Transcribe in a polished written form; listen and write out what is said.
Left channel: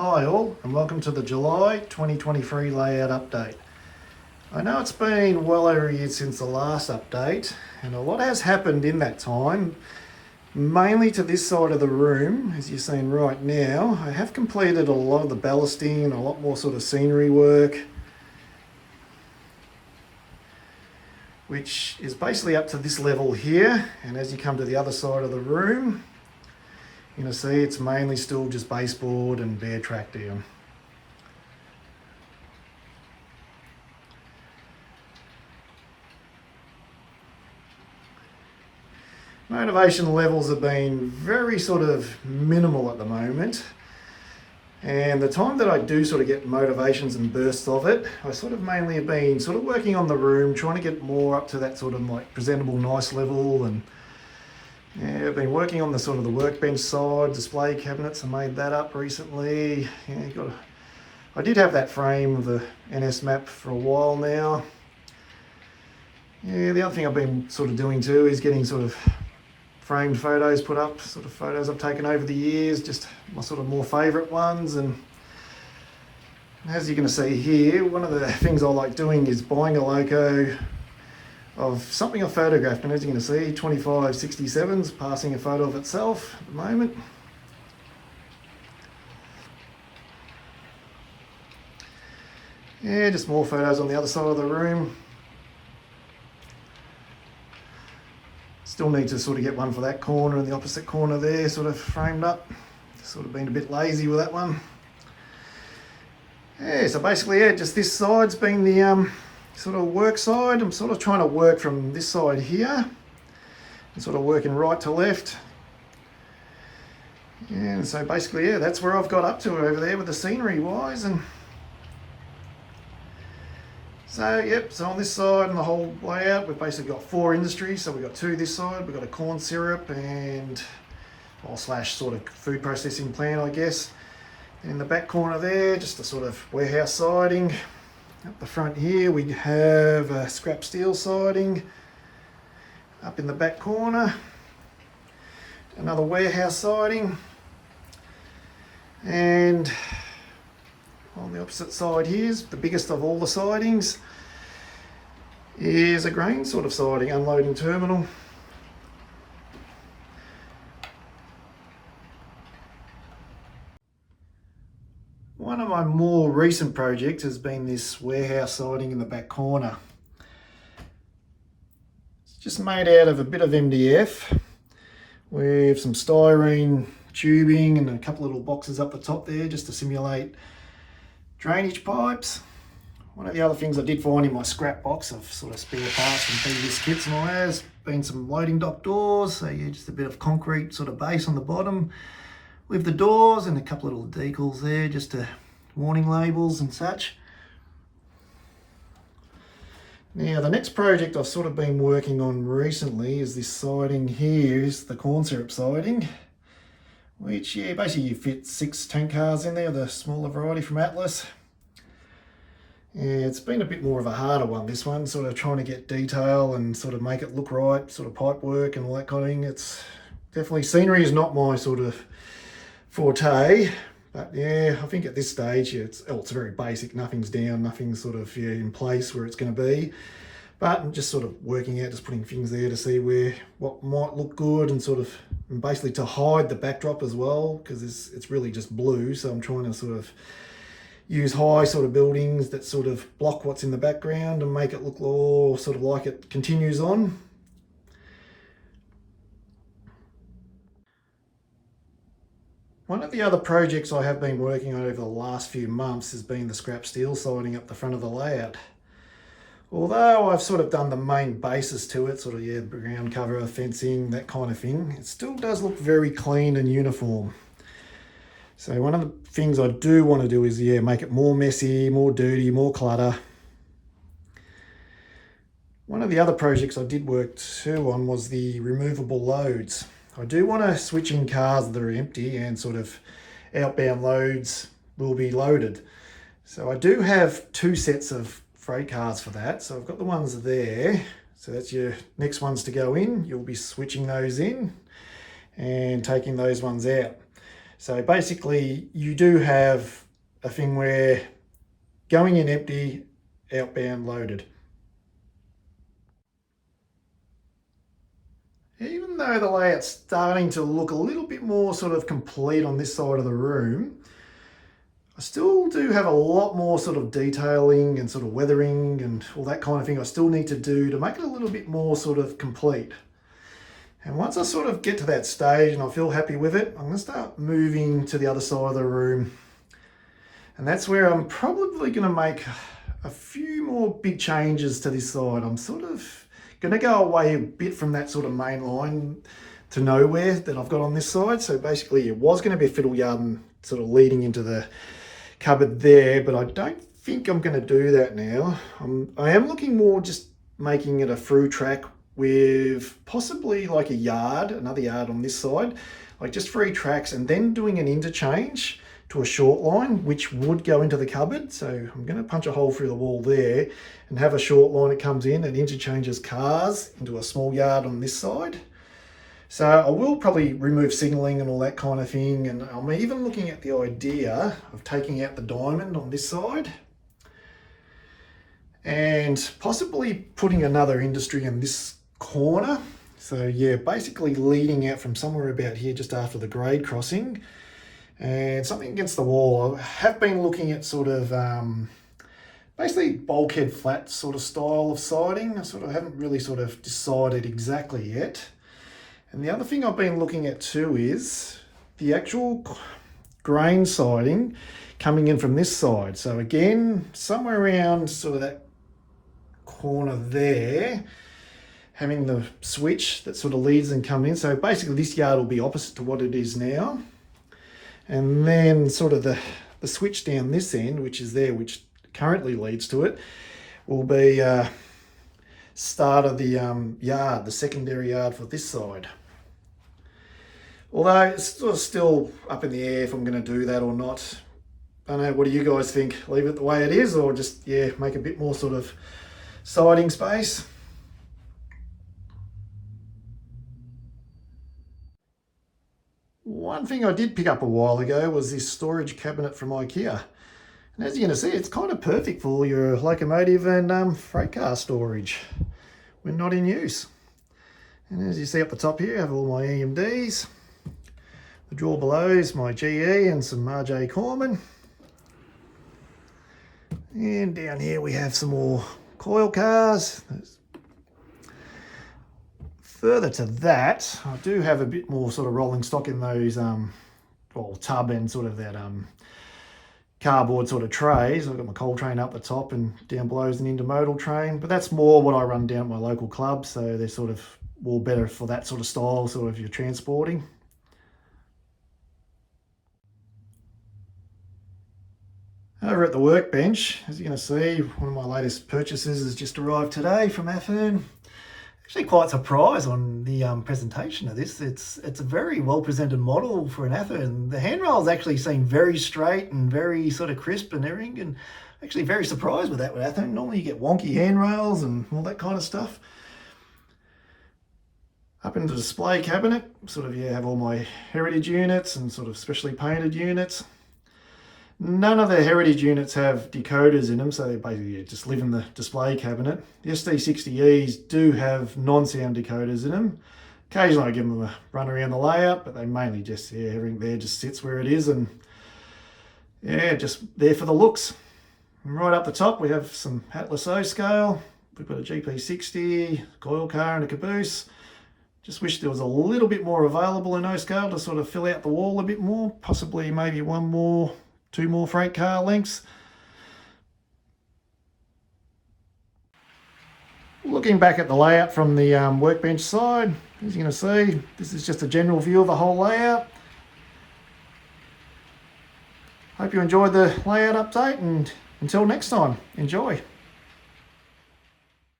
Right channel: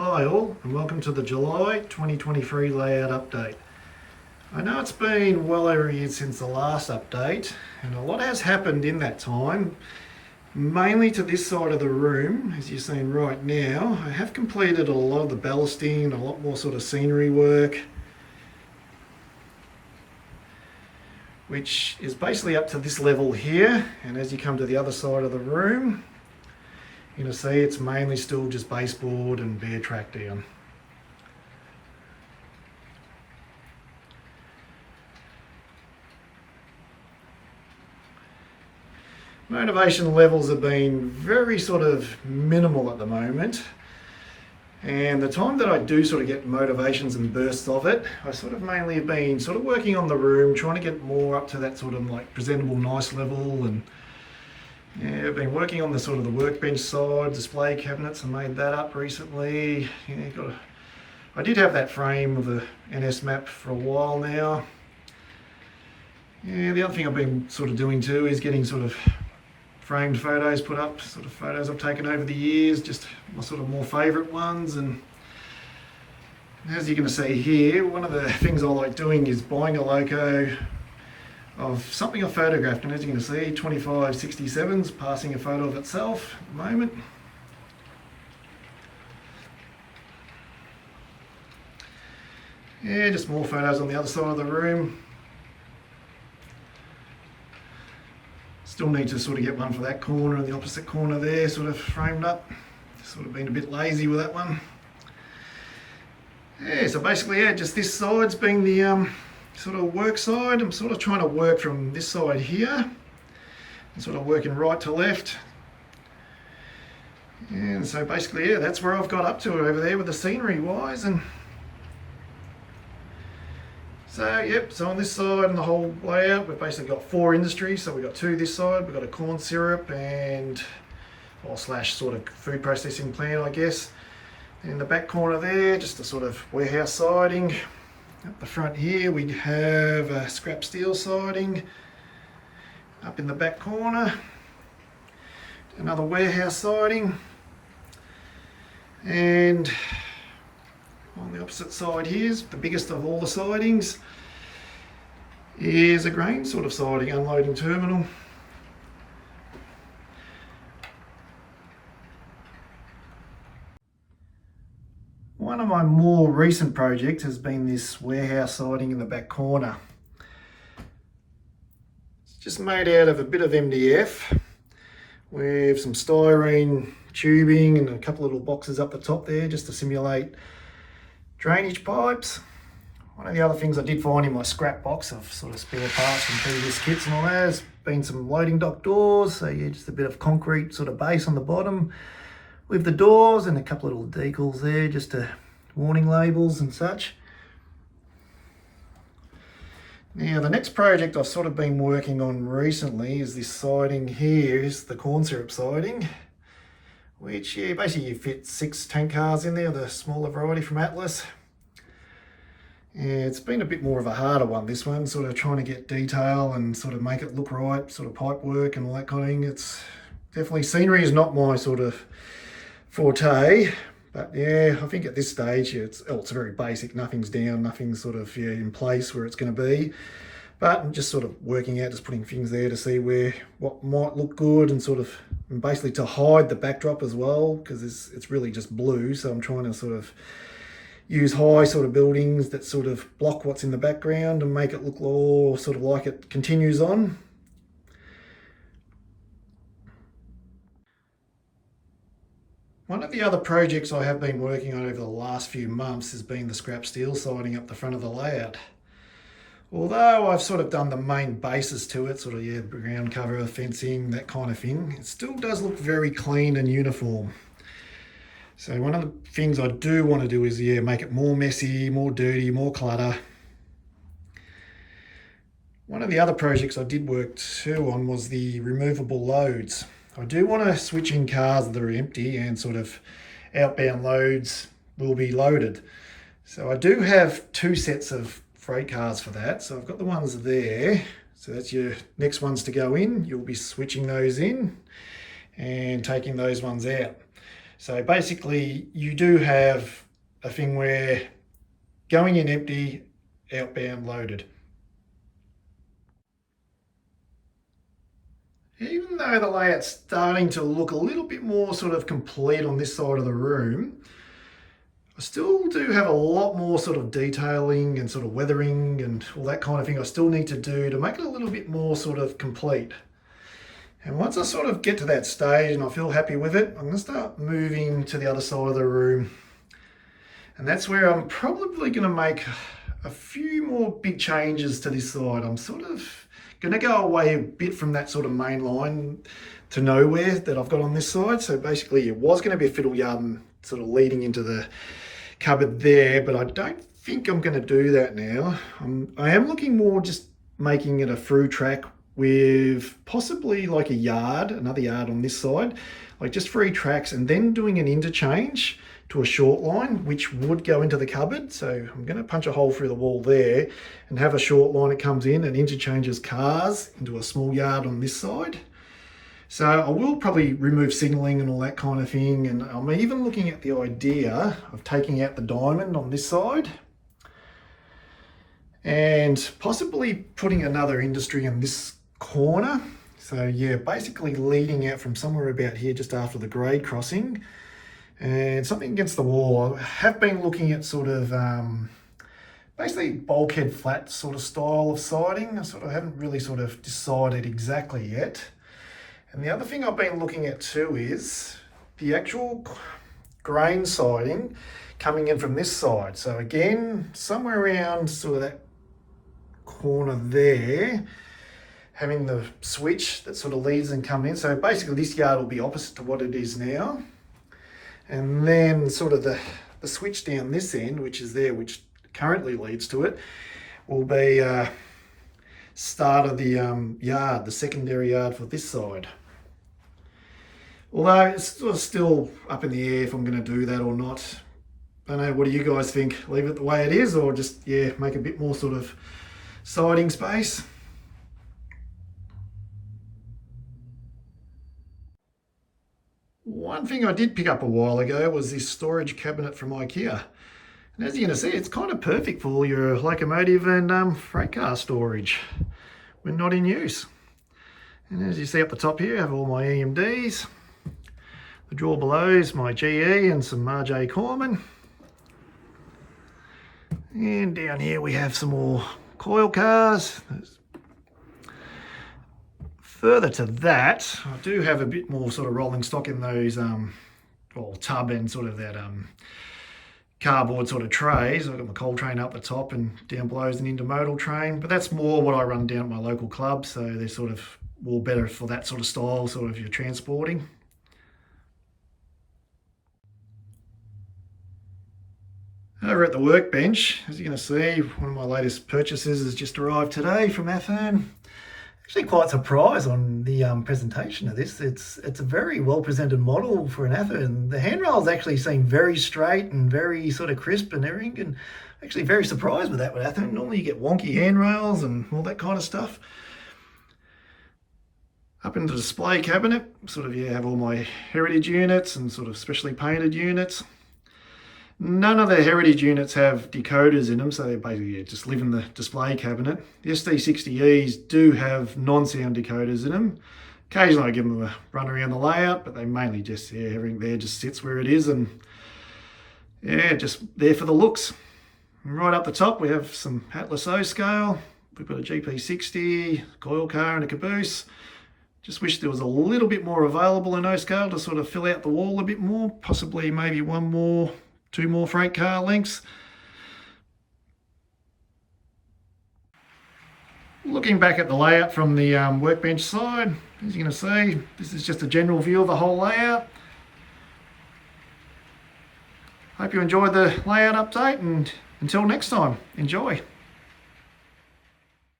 Hi all, and welcome to the July 2023 layout update. I know it's been well over a year since the last update, and a lot has happened in that time, mainly to this side of the room. As you're seeing right now, I have completed a lot of the ballasting, a lot more sort of scenery work, which is basically up to this level here. And as you come to the other side of the room, you're going to see it's mainly still just baseboard and bare track down. Motivation levels have been very sort of minimal at the moment, and the time that I do sort of get motivations and bursts of it, I sort of mainly have been sort of working on the room, trying to get more up to that sort of like presentable nice level. And yeah, I've been working on the sort of the workbench side, display cabinets. I made that up recently. Yeah, I did have that frame of the NS map for a while now. Yeah, the other thing I've been sort of doing too is getting sort of framed photos put up, sort of photos I've taken over the years, just my sort of more favourite ones. And as you're going to see here, one of the things I like doing is buying a loco of something I photographed, and as you're going to see, 2567's passing a photo of itself at the moment. Yeah, just more photos on the other side of the room. Still need to sort of get one for that corner and the opposite corner there sort of framed up. Sort of been a bit lazy with that one. Yeah, so basically, yeah, just this side's been the sort of work side. I'm sort of trying to work from this side here and sort of working right to left. And so basically, yeah, that's where I've got up to over there with the scenery wise. And so, yep, so on this side and the whole layout, we've basically got 4 industries. So we've got 2 this side, we've got a corn syrup and, or slash sort of food processing plant, I guess. In the back corner there, just a sort of warehouse siding. Up the front here, we have a scrap steel siding. Up in the back corner, another warehouse siding. And on the opposite side here, the biggest of all the sidings, is a grain sort of siding, unloading terminal. One of my more recent projects has been this warehouse siding in the back corner. It's just made out of a bit of MDF with some styrene tubing and a couple of little boxes up the top there just to simulate drainage pipes. One of the other things I did find in my scrap box of sort of spare parts from previous kits and all that has been some loading dock doors. So yeah, just a bit of concrete sort of base on the bottom with the doors and a couple of little decals there, just to warning labels and such. Now the next project I've sort of been working on recently is this siding here, is the corn syrup siding, which yeah, basically you fit 6 tank cars in there, the smaller variety from Atlas. Yeah, it's been a bit more of a harder one, this one, sort of trying to get detail and sort of make it look right, sort of pipe work and all that kind of thing. It's definitely, scenery is not my sort of forte, but yeah, I think at this stage, yeah, it's very basic, nothing's down, nothing's sort of in place where it's going to be. But I'm just sort of working out, just putting things there to see what might look good, and sort of and basically to hide the backdrop as well, because it's really just blue. So I'm trying to sort of use high sort of buildings that sort of block what's in the background and make it look all sort of like it continues on. One of the other projects I have been working on over the last few months has been the scrap steel siding up the front of the layout. Although I've sort of done the main basis to it, sort of, yeah, the ground cover, fencing, that kind of thing, it still does look very clean and uniform. So one of the things I do want to do is, yeah, make it more messy, more dirty, more clutter. One of the other projects I did work too on was the removable loads. I do want to switch in cars that are empty and sort of outbound loads will be loaded. So I do have 2 sets of freight cars for that. So I've got the ones there. So that's your next ones to go in. You'll be switching those in and taking those ones out. So basically you do have a thing where going in empty, outbound loaded. Even though the layout's starting to look a little bit more sort of complete on this side of the room, I still do have a lot more sort of detailing and sort of weathering and all that kind of thing I still need to do to make it a little bit more sort of complete. And once I sort of get to that stage and I feel happy with it, I'm going to start moving to the other side of the room. And that's where I'm probably going to make a few more big changes to this side. I'm sort of going to go away a bit from that sort of main line to nowhere that I've got on this side. So basically it was going to be a fiddle yard and sort of leading into the cupboard there, but I don't think I'm going to do that now. I am looking more just making it a through track with possibly like a yard, another yard on this side, like just 3 tracks, and then doing an interchange to a short line, which would go into the cupboard. So I'm going to punch a hole through the wall there and have a short line that comes in and interchanges cars into a small yard on this side. So I will probably remove signalling and all that kind of thing. And I'm even looking at the idea of taking out the diamond on this side and possibly putting another industry in this corner. So yeah, basically leading out from somewhere about here just after the grade crossing and something against the wall. I have been looking at sort of basically bulkhead flat sort of style of siding. I sort of haven't really sort of decided exactly yet. And the other thing I've been looking at too is the actual grain siding coming in from this side. So again, somewhere around sort of that corner there, having the switch that sort of leads and come in. So basically this yard will be opposite to what it is now. And then sort of the switch down this end, which is there, which currently leads to it, will be start of the yard, the secondary yard for this side. Although it's sort of still up in the air if I'm going to do that or not. I don't know, what do you guys think? Leave it the way it is, or just, yeah, make a bit more sort of siding space? One thing I did pick up a while ago was this storage cabinet from IKEA. And as you're going to see, it's kind of perfect for all your locomotive and freight car storage when not in use. And as you see up the top here, I have all my EMDs. The drawer below is my GE and some RJ Corman. And down here we have some more coil cars. Further to that, I do have a bit more sort of rolling stock in those well, tub and sort of that cardboard sort of trays. I've got my coal train up the top and down below is an intermodal train, but that's more what I run down at my local club, so they're sort of all better for that sort of style, sort of you're transporting. Over at the workbench, as you're going to see, one of my latest purchases has just arrived today from Athern. Actually quite surprised on the presentation of this. It's a very well presented model for an Athern. The handrails actually seem very straight and very sort of crisp and everything, and actually very surprised with that with Athern. Normally you get wonky handrails and all that kind of stuff. Up in the display cabinet, sort of, yeah, have all my heritage units and sort of specially painted units. None of the heritage units have decoders in them, so they basically just live in the display cabinet. The SD60Es do have non-sound decoders in them. Occasionally I give them a run around the layout, but they mainly just, yeah, everything there just sits where it is and yeah, just there for the looks. And right up the top we have some Atlas O scale. We've got a GP60, coil car and a caboose. Just wish there was a little bit more available in O scale to sort of fill out the wall a bit more, possibly maybe 2 more freight car lengths. Looking back at the layout from the workbench side, as you're going to see, this is just a general view of the whole layout. Hope you enjoyed the layout update, and until next time, enjoy.